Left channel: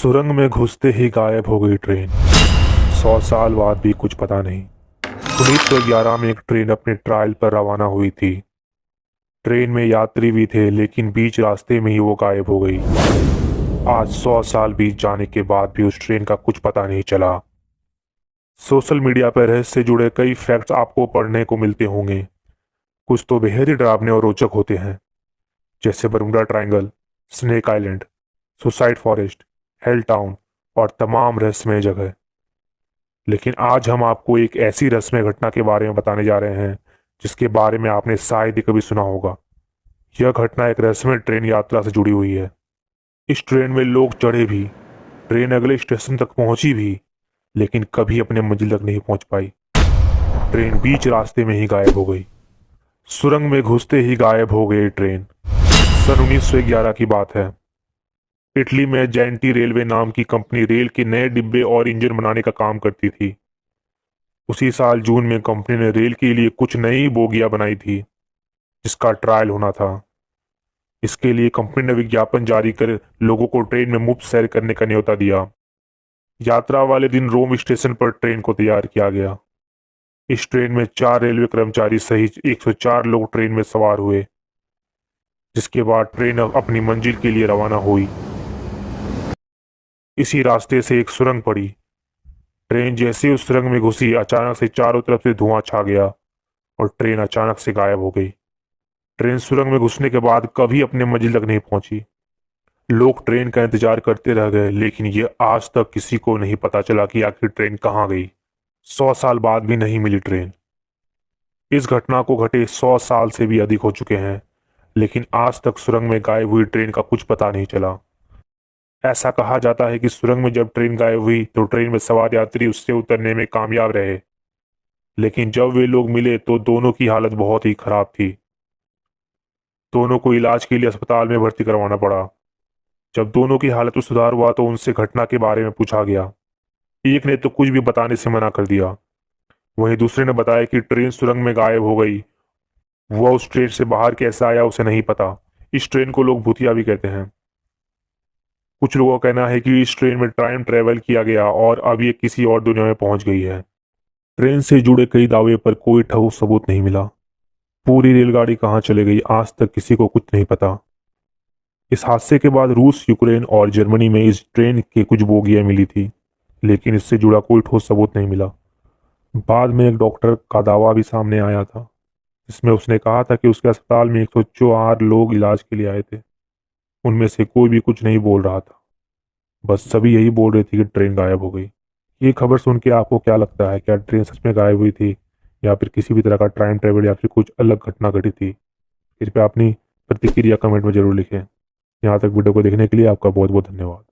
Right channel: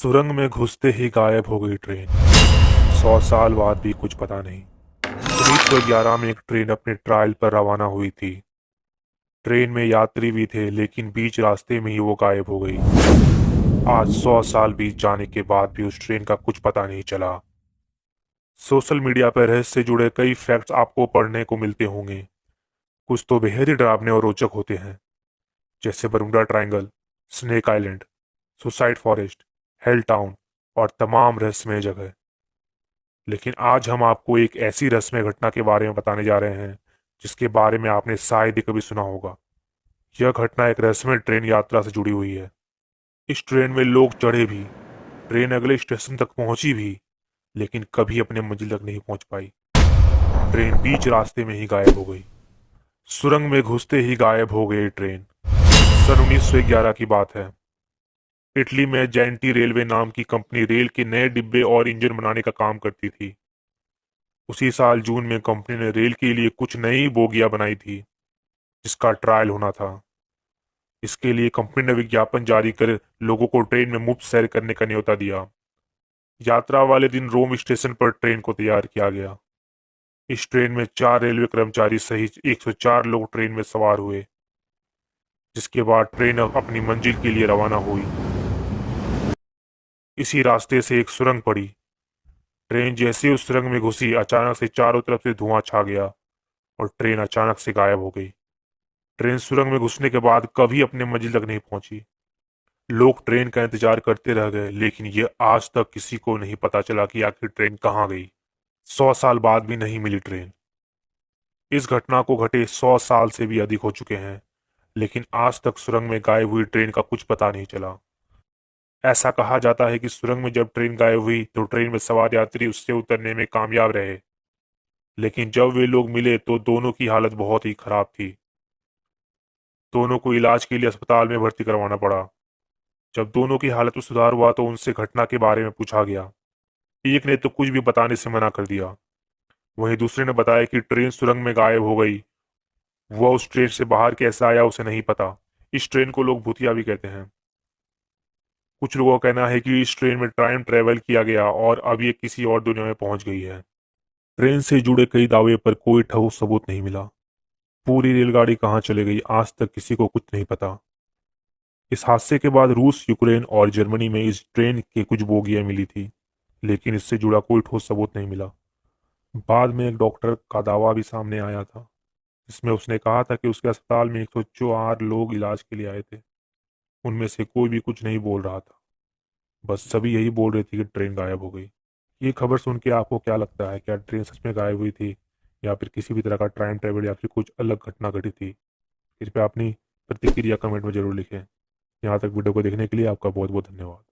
सुरंग में घुसते ही गायब हो गई ट्रेन। 100 साल बाद भी कुछ पता नहीं। 1911 में एक ट्रेन अपने ट्रायल पर रवाना हुई थी। ट्रेन में यात्री भी थे, लेकिन बीच रास्ते में ही वो गायब हो गई। आज 100 साल बीत जाने के बाद भी उस ट्रेन का कुछ पता नहीं चला। सोशल मीडिया पर रहस्य से जुड़े कई फैक्ट्स आपको पढ़ने को मिलते होंगे। कुछ तो बेहद ही डरावने और रोचक होते हैं, जैसे Bermuda triangle, snake island, suicide forest, hello town और तमाम रहस्यमय जगह। लेकिन आज हम आपको एक ऐसी रहस्यमय घटना के बारे में बताने जा रहे हैं जिसके बारे में आपने शायद ही कभी सुना होगा। यह घटना एक रहस्यमय ट्रेन यात्रा से जुड़ी हुई है। इस ट्रेन में लोग चढ़े भी, ट्रेन अगले स्टेशन तक पहुंची भी, लेकिन कभी अपने मंजिल तक नहीं पहुंच पाई। ट्रेन बीच रास्ते में ही गायब हो गई। सुरंग में घुसते ही गायब हो गई ट्रेन। सन 1911 की बात है। इटली में जेंटी रेलवे नाम की कंपनी रेल के नए डिब्बे और इंजन बनाने का काम करती थी। उसी साल जून में कंपनी ने रेल के लिए कुछ नई बोगियां बनाई थी, जिसका ट्रायल होना था। इसके लिए कंपनी ने विज्ञापन जारी कर लोगों को ट्रेन में मुफ्त सैर करने का न्योता दिया। यात्रा वाले दिन रोम स्टेशन पर ट्रेन को तैयार किया गया। इस ट्रेन में 4 रेलवे कर्मचारी सहित 104 लोग ट्रेन में सवार हुए, जिसके बाद ट्रेन अपनी मंजिल के लिए रवाना हुई। इसी रास्ते से एक सुरंग पड़ी। ट्रेन जैसे ही उस सुरंग में घुसी, अचानक से चारों तरफ से धुआं छा गया और ट्रेन अचानक से गायब हो गई। ट्रेन सुरंग में घुसने के बाद कभी अपने मंजिल तक नहीं पहुंची। लोग ट्रेन का इंतजार करते रह गए, लेकिन ये आज तक किसी को नहीं पता चला कि आखिर ट्रेन कहाँ गई। 100 साल बाद भी नहीं मिली ट्रेन। इस घटना को घटे 100 साल से भी अधिक हो चुके हैं, लेकिन आज तक सुरंग में गायब हुई ट्रेन का कुछ पता नहीं चला। ऐसा कहा जाता है कि सुरंग में जब ट्रेन गायब हुई तो ट्रेन में सवार यात्री उससे उतरने में कामयाब रहे, लेकिन जब वे लोग मिले तो दोनों की हालत बहुत ही खराब थी। दोनों को इलाज के लिए अस्पताल में भर्ती करवाना पड़ा। जब दोनों की हालत में सुधार हुआ तो उनसे घटना के बारे में पूछा गया। एक ने तो कुछ भी बताने से मना कर दिया। वहीं दूसरे ने बताया कि ट्रेन सुरंग में गायब हो गई। वह उस ट्रेन से बाहर कैसे आया उसे नहीं पता। इस ट्रेन को लोग भूतिया भी कहते हैं। कुछ लोगों का कहना है कि इस ट्रेन में टाइम ट्रेवल किया गया और अब ये किसी और दुनिया में पहुंच गई है। ट्रेन से जुड़े कई दावे पर कोई ठोस सबूत नहीं मिला। पूरी रेलगाड़ी कहां चले गई, आज तक किसी को कुछ नहीं पता। इस हादसे के बाद रूस, यूक्रेन और जर्मनी में इस ट्रेन के कुछ बोगियां मिली थी, लेकिन इससे जुड़ा कोई ठोस सबूत नहीं मिला। बाद में एक डॉक्टर का दावा भी सामने आया था, जिसमें उसने कहा था कि उसके अस्पताल में 104 लोग इलाज के लिए आए थे। उनमें से कोई भी कुछ नहीं बोल रहा था, बस सभी यही बोल रहे थे कि ट्रेन गायब हो गई। ये खबर सुन के आपको क्या लगता है? क्या ट्रेन सच में गायब हुई थी, या फिर किसी भी तरह का टाइम ट्रेवल, या फिर कुछ अलग घटना घटी थी? कृपया अपनी प्रतिक्रिया कमेंट में जरूर लिखें। यहाँ तक वीडियो को देखने के लिए आपका बहुत बहुत धन्यवाद।